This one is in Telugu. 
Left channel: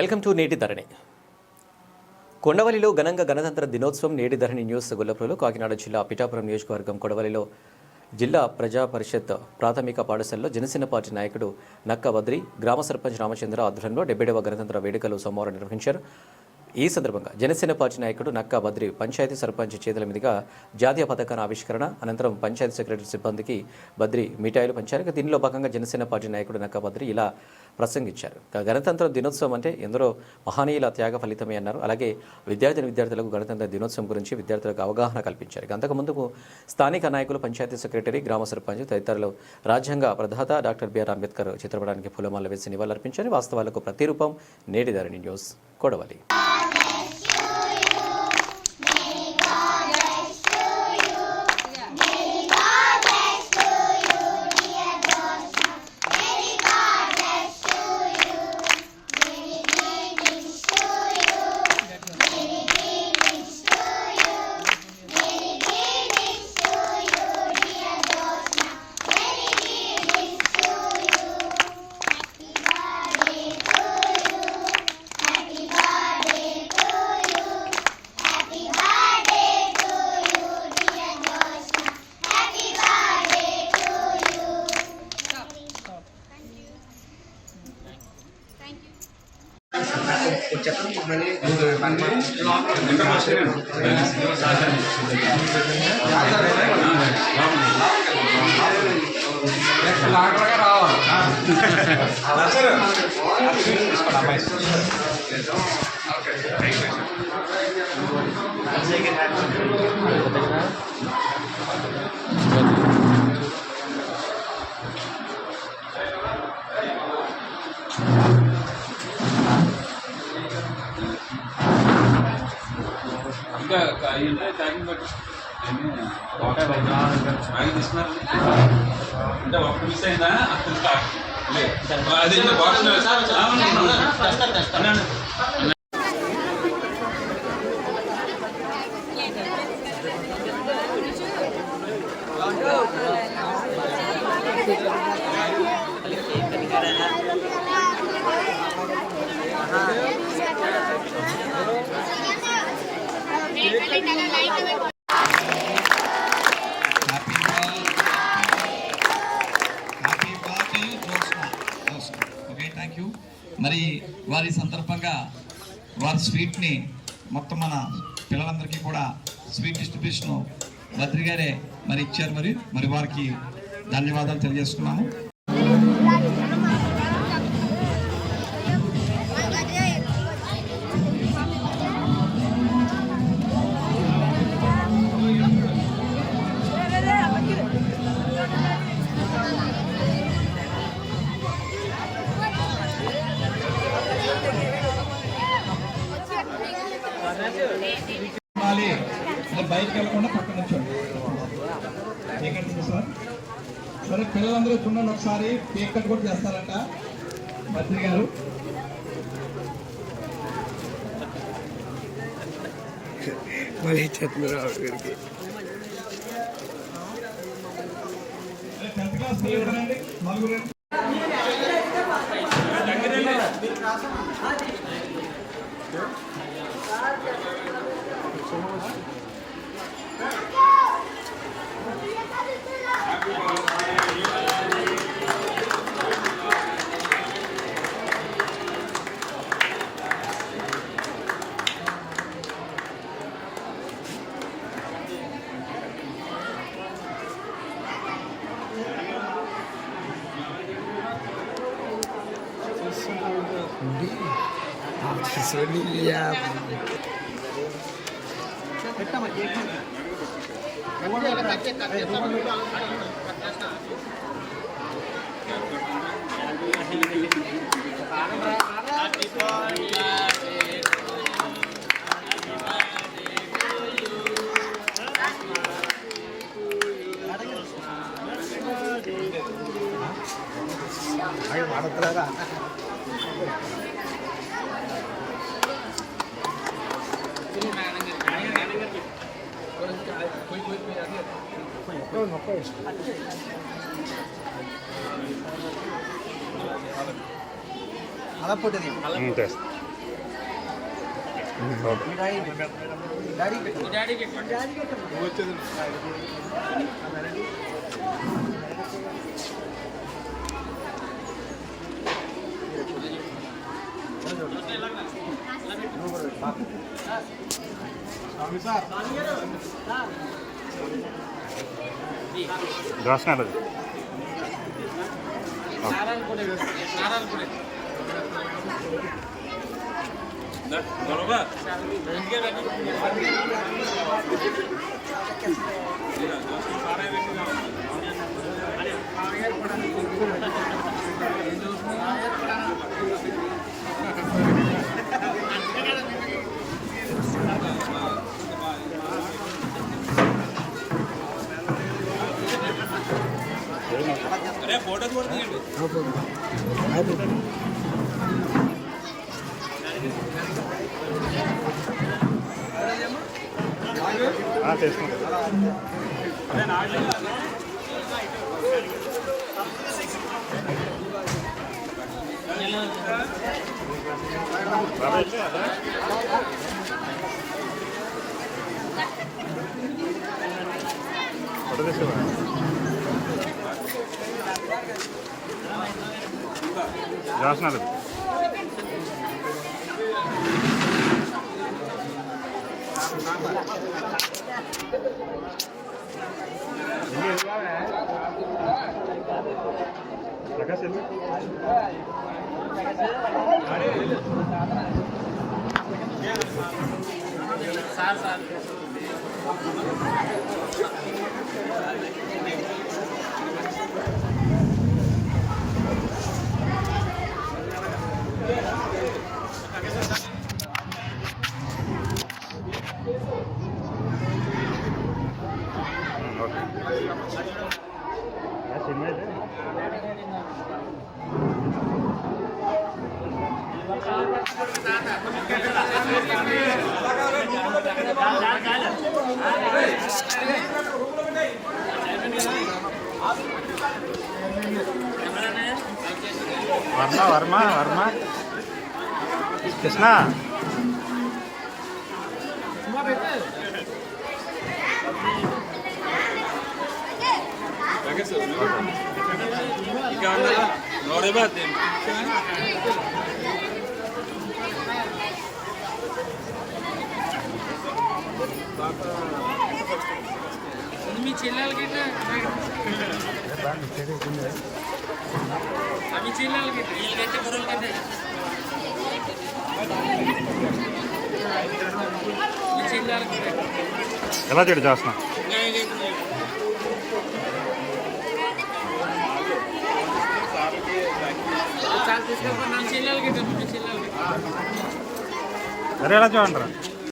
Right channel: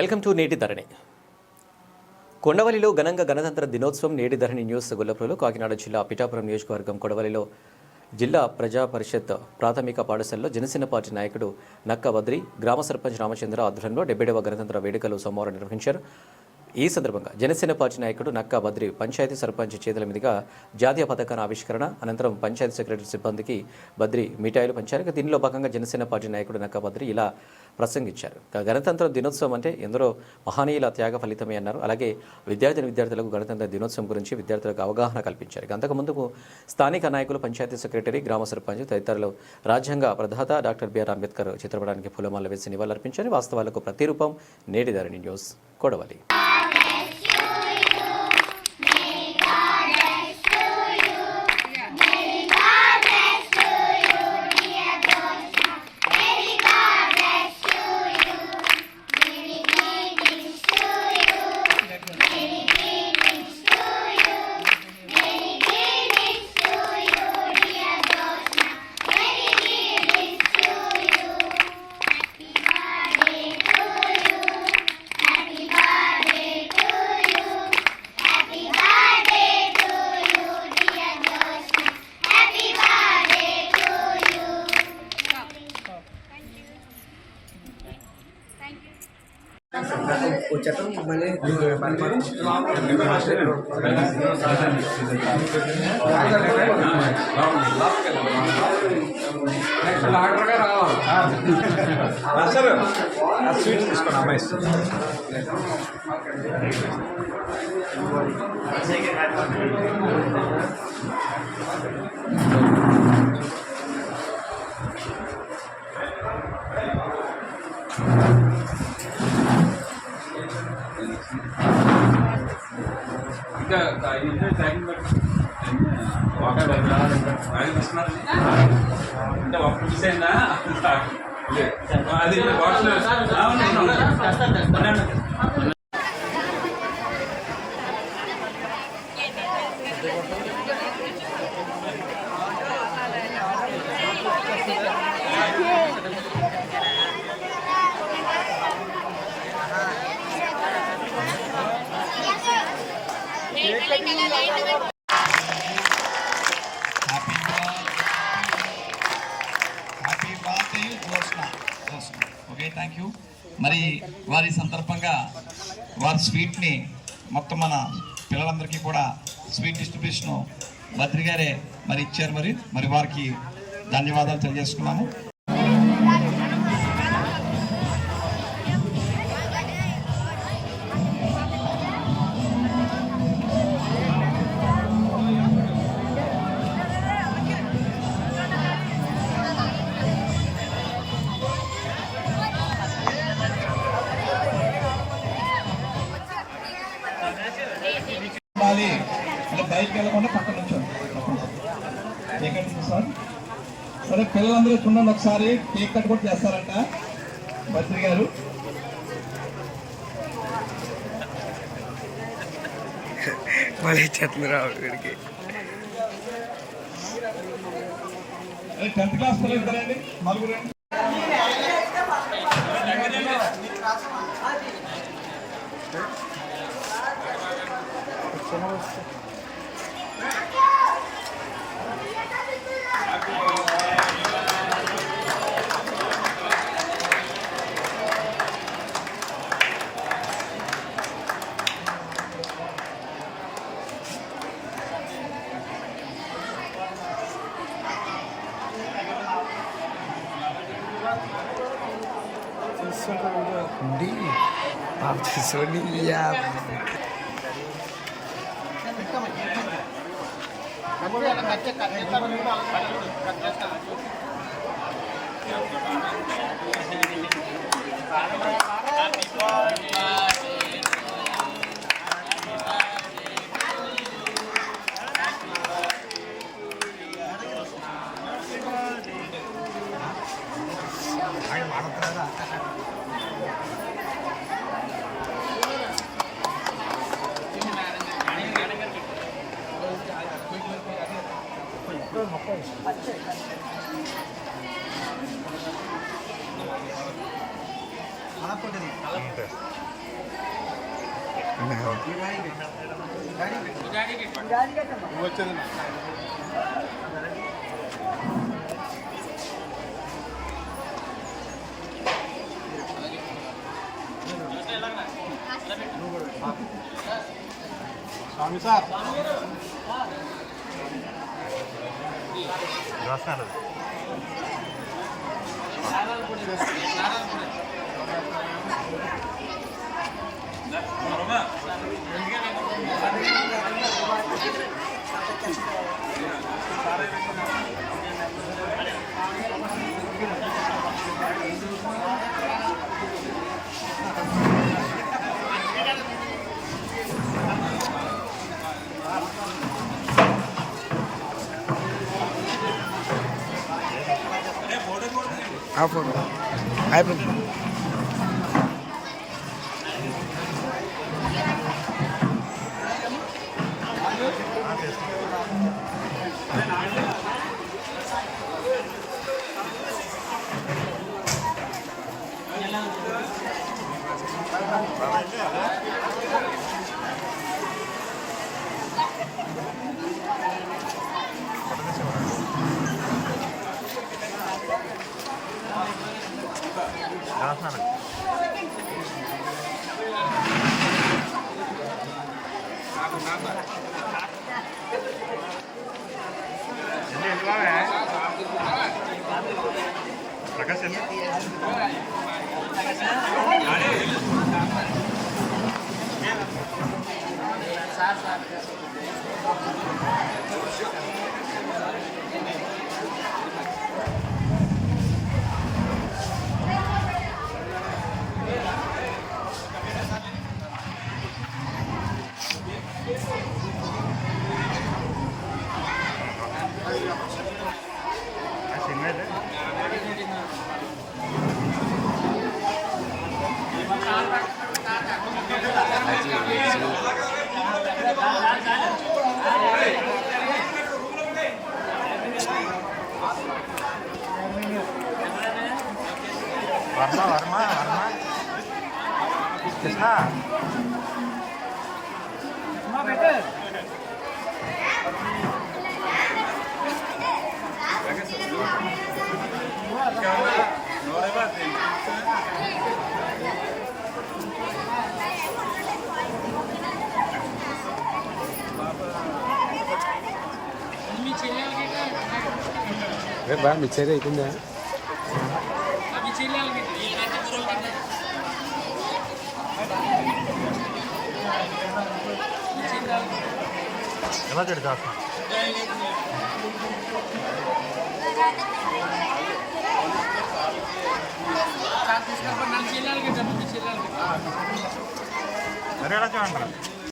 వెల్కమ్ టు నేటి ధరణి. కొండవలిలో ఘనంగా గణతంత్ర దినోత్సవం. నేటి ధరణి న్యూస్ గొల్లపురంలో. కాకినాడ జిల్లా పిఠాపురం నియోజకవర్గం కొడవలిలో జిల్లా ప్రజా పరిషత్ ప్రాథమిక పాఠశాలలో జనసేన పార్టీ నాయకుడు నక్క బద్రి, గ్రామ సర్పంచ్ రామచంద్ర ఆధ్వర్యంలో 70వ గణతంత్ర వేడుకలు సోమవారం నిర్వహించారు. ఈ సందర్భంగా జనసేన పార్టీ నాయకుడు నక్కా బద్రి పంచాయతీ సర్పంచ్ చేతుల మీదుగా జాతీయ పతాకాన్ని ఆవిష్కరణ అనంతరం పంచాయతీ సెక్రటరీ సిబ్బందికి బద్రి మిఠాయిలు పంచారు. దీనిలో భాగంగా జనసేన పార్టీ నాయకుడు నక్కా బద్రి ఇలా ప్రసంగించారు. గణతంత్ర దినోత్సవం అంటే ఎందరో మహనీయుల త్యాగ ఫలితమే అన్నారు. అలాగే విద్యార్థులకు గణతంత్ర దినోత్సవం గురించి విద్యార్థులకు అవగాహన కల్పించారు. అంతకుముందుకు స్థానిక నాయకులు, పంచాయతీ సెక్రటరీ, గ్రామ సర్పంచ్ తదితరులు రాజ్యాంగ ప్రదాత డాక్టర్ బిఆర్ అంబేద్కర్ చిత్రపటానికి పూలమాల వేసి నివాళులర్పించారు. వాస్తవాలకు ప్రతిరూపం నేటి ధరణి న్యూస్ కొడవలి. అంటే ఒక్క మిస్ అయిందా అది బాక్స్ ఓకే, థ్యాంక్ యూ. మరి వారి సందర్భంగా వారి స్వీట్ని మొత్తం మన పిల్లలందరికీ కూడా స్వీట్ డిస్ట్రిబ్యూషన్ బద్రి గారే మరి ఇచ్చారు. మరి వారికి ధన్యవాదాలు తెలియజేసుకున్నాము. బయటకు వెళ్ళకుండా పక్కన నుంచోండి సార్. సరే, పిల్లలందరూ చూడండి, ఒకసారి కేక్ కట్ కూడా చేస్తారంట బద్రి గారు. మళ్ళీ చేతులు రావడానికి 10th క్లాస్ పిల్లలు నలుగురు. అలా బరోబర్ అరే బోర్డర్ కూడా తీయండి ఆ ఫోటో అయిపోయింది. వర్మ కృష్ణ మీ చెల్లెలకి మిక్సర్ అవుతుంది. అవి చెల్లెలకి వీళ్ళకంటే గురువులకంటే ఈ చెల్లెలకి ఎలా చెడు చేస్తున్నా చాలా తీసుకెళ్ళిపోయినా మీ చెల్లెలకి మీ చెల్లెలకి సరే ఎలా చూడండి